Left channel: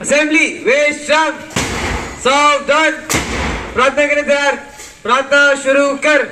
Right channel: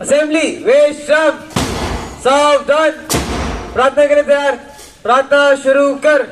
Assembly विश्राम सावधान प्रार्थना के लिए तैयार प्रार्थना शुरू कर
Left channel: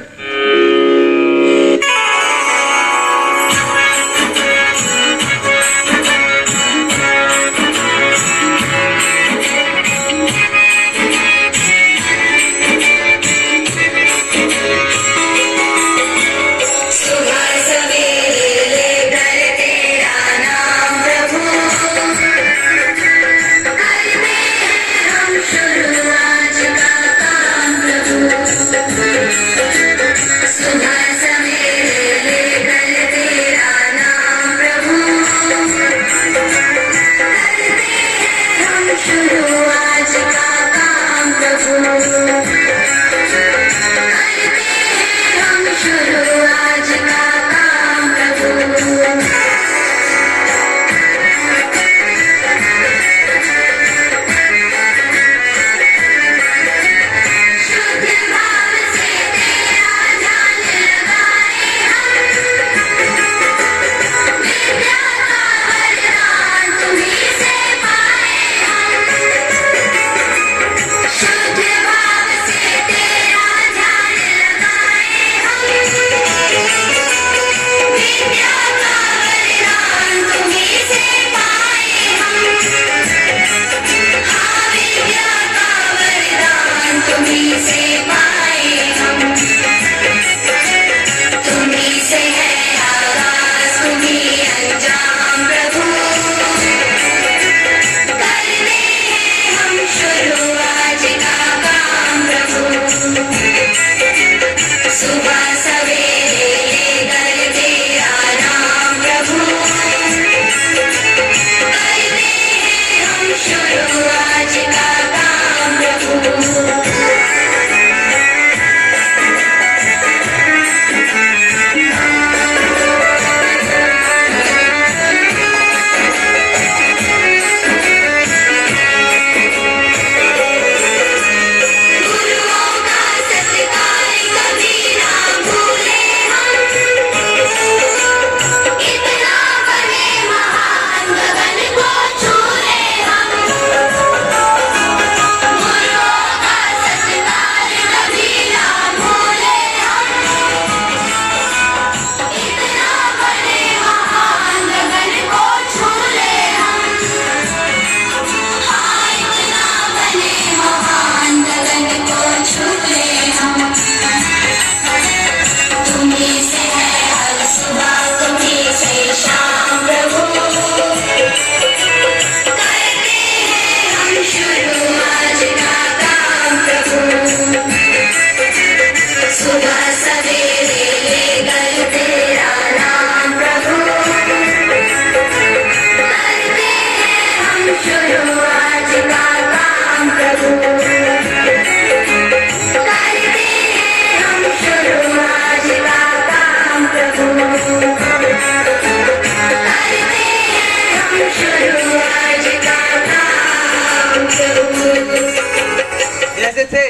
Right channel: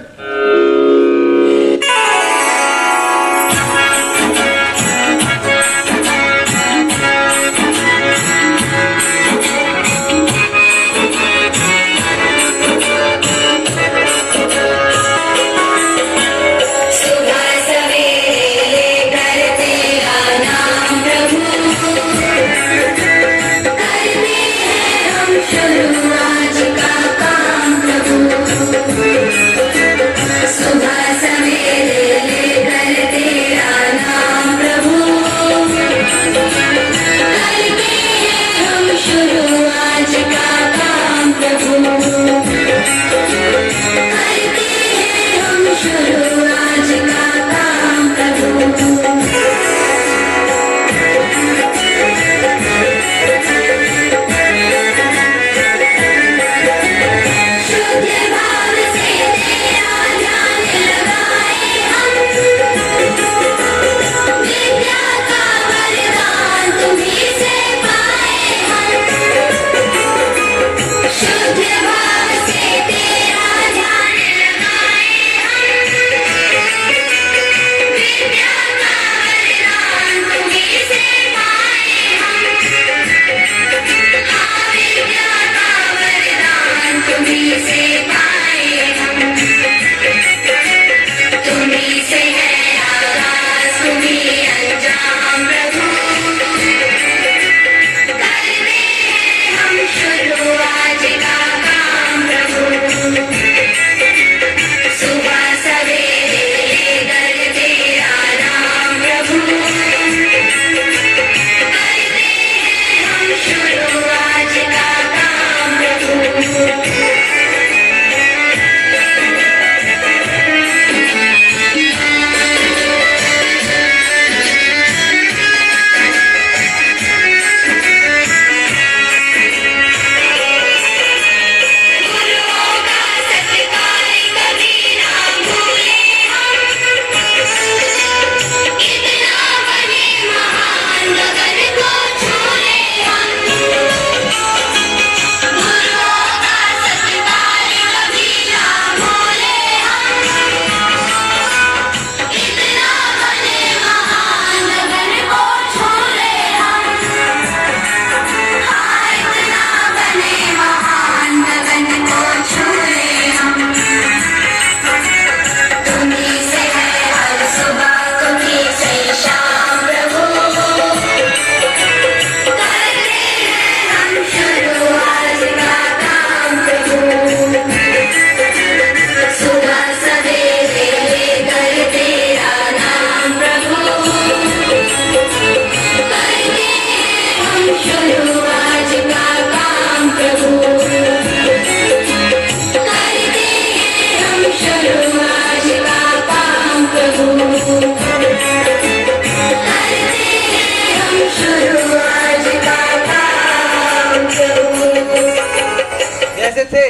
जैसे थे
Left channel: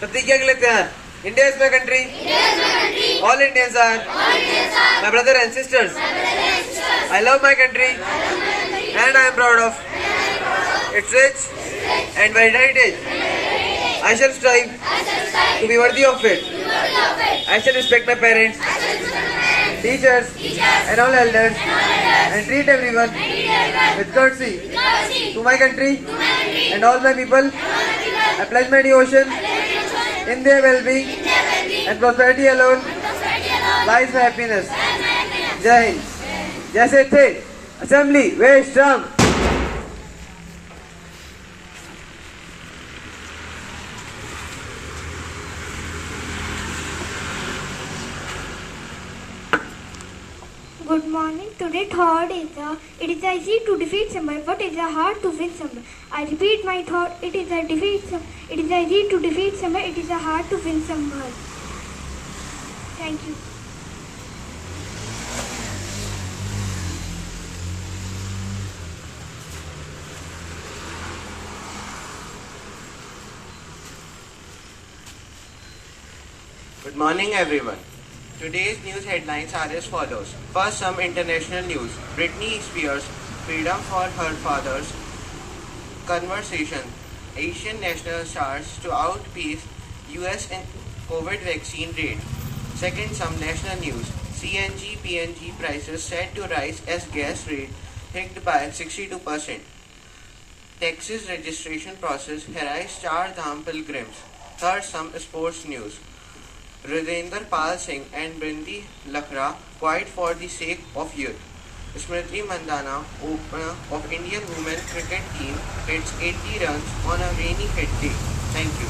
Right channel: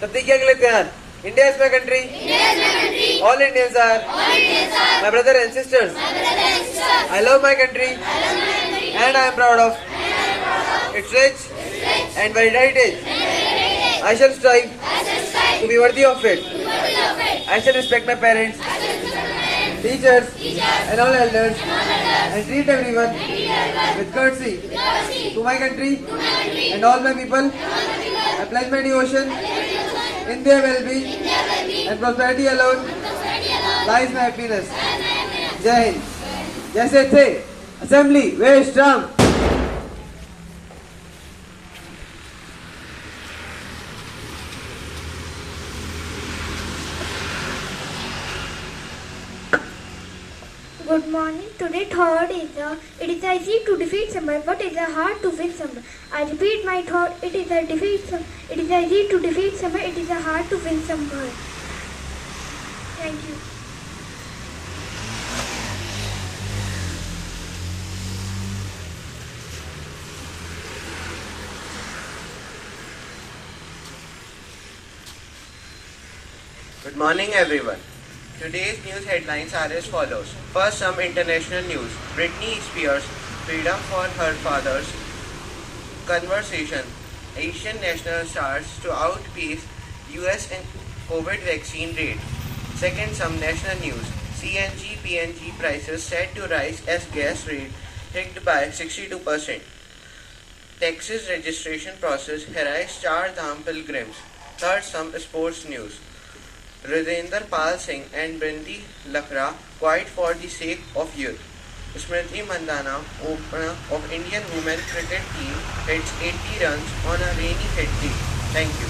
प्रतिज्ञा के लिए तैयार India is my country all Indians are my brother and sisters I love my country and I am proud of its rich and very heritage I shall strive to be worthy of it I shall respect my parents teachers and all elders and treat everyone with courtesy to my country and all my people. I pledge my devotion in their well-being and prosperity alone lies my happiness. Jai Hind. जैसे थे assembly विश्राम Good morning. Today thought is it is easy to defeat someone, but it is hard to win someone. I repeat my thought. It is easy to defeat someone. It is hard to win someone. Thank you. Good morning, everyone. Today's news headlines are as follows. First, some international news. Britney Spears' freedom for her father's conversation, Asian national stars to outpace US in COVID vaccine rate. Second, some national news. CNG, PNG prices set to rise as gas rate hiked by 62%. Texas registration process harassed Char Dham pilgrims. Third, some sports news. Ridendra Pal Singh and Brindi Lakra quiet for the sake of youth. Smriti Mandana, opener of Indian women cricket team, hits 80 runs on a rainy hit day. Thank you.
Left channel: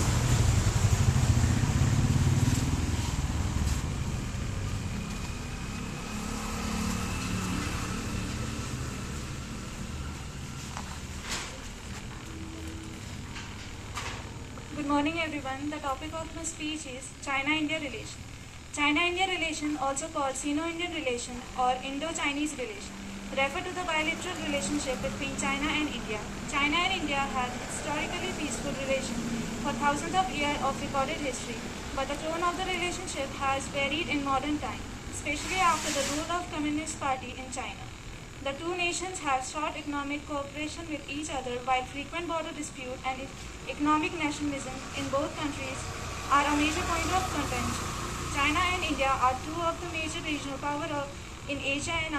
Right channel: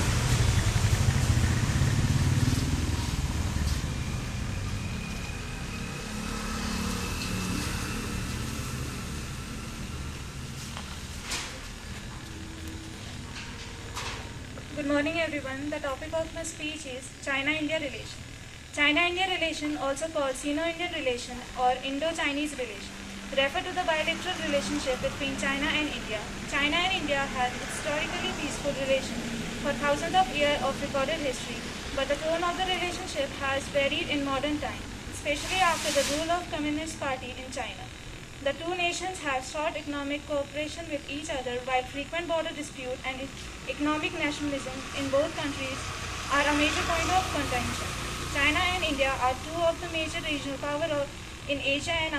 Good morning everyone. The topic of my speech is China-India relation. China-India relation, also called Sino-Indian relation or Indo-Chinese relation, refer to the bilateral relationship between China and India. China and India had historically peaceful relations for thousands of years of recorded history, but the tone of the relationship has varied in modern times, especially after the rule of Communist Party in China. The two nations have sought economic cooperation with each other, while frequent border dispute and economic nationalism in both countries are a major point of contention. China and India are two of the major regional powers in Asia and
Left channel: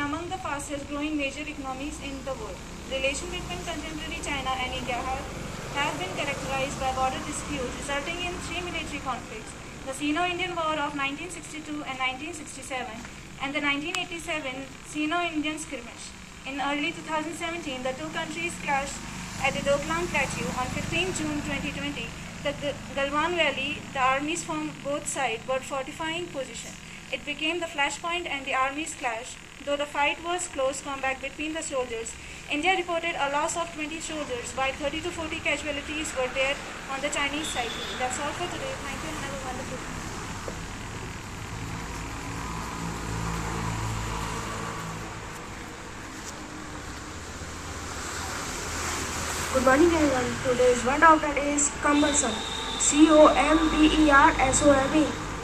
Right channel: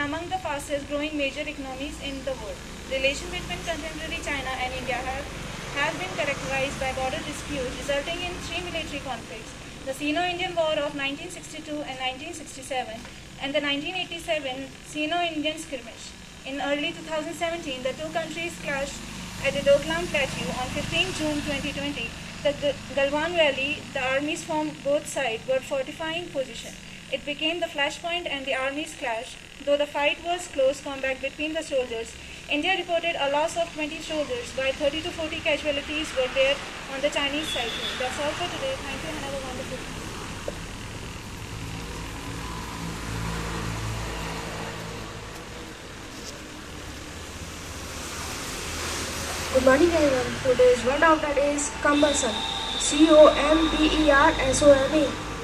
among the fastest growing major economies in the world. Relations between contemporary China and India have been characterized by border disputes resulting in three military conflicts: the Sino-Indian War of 1962 and 1967, and the 1987 Sino-Indian skirmish. In early 2017, the two countries clashed at the Doklam Plateau. On 15 June 2020, the Galwan Valley, the armies from both sides were fortifying position. It became the flashpoint and the armies clashed. Though the fight was close combat between the soldiers, India reported a loss of 20 soldiers, while 30 to 40 casualties were there on the Chinese side. That's all for today. Thank you and have a wonderful day. Good morning everyone. Today's word of the day is cumbersome. C-O-M-B-E-R-S-O-M-E.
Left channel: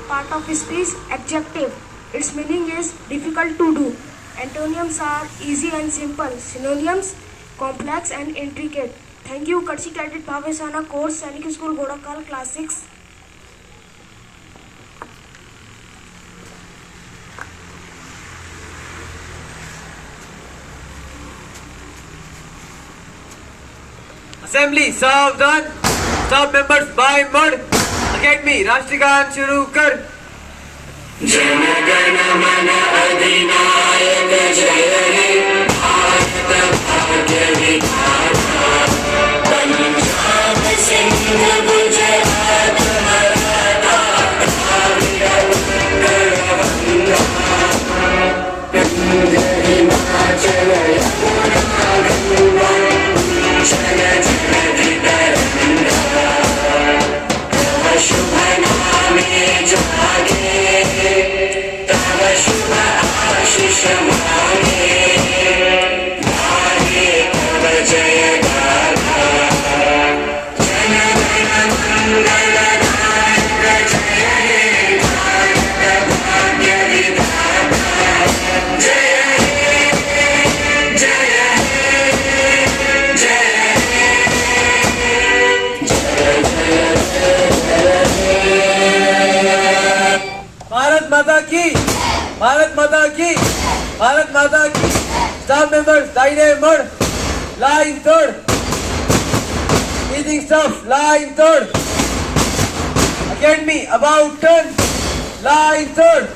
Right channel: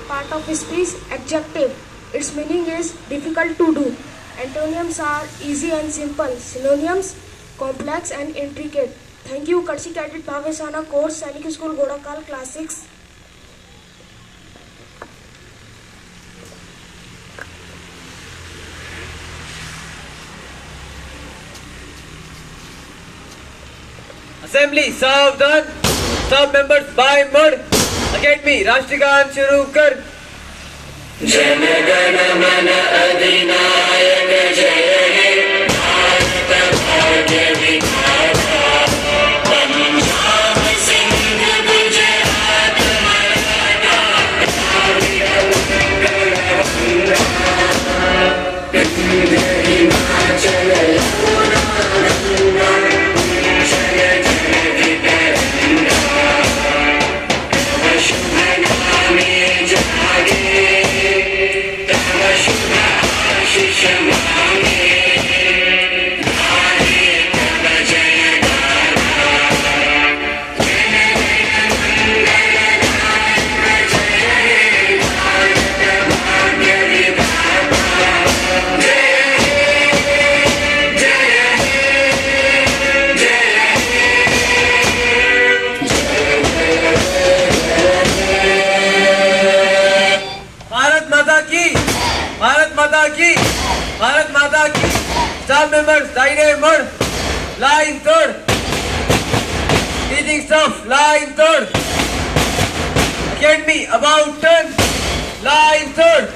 Part of speech, adjective. Its meaning is difficult to do. Antonyms are easy and simple. Synonyms, complex and intricate. Thank you, Kursi Cadet Bhavesana Course, Sainik School, Godakal, Class 6. Assembly, सावधान. Staff members, by mud. Academy, राष्ट्रगान शुरू कर. जन गण मन अधिनायक जय हे भारत भाग्य विधाता पंजाब सिंध गुजरात मराठा द्राविड़ उत्कल बंगा विंध्य हिमाचल यमुना गंगा उच्चल जलधि तरंगा तव शुभ नामे जागे तव शुभ आशीष मांगे गावे तव जय गाथा जन गण मंगलदायक जय हे भारत भाग्य विधाता जय हे जय हे जय भारत माता की. भारत माता की. भारत माता की. Staff members, दाहिने मुड़. Line third. Teaching staff, line third. Academy, about turn. Line third.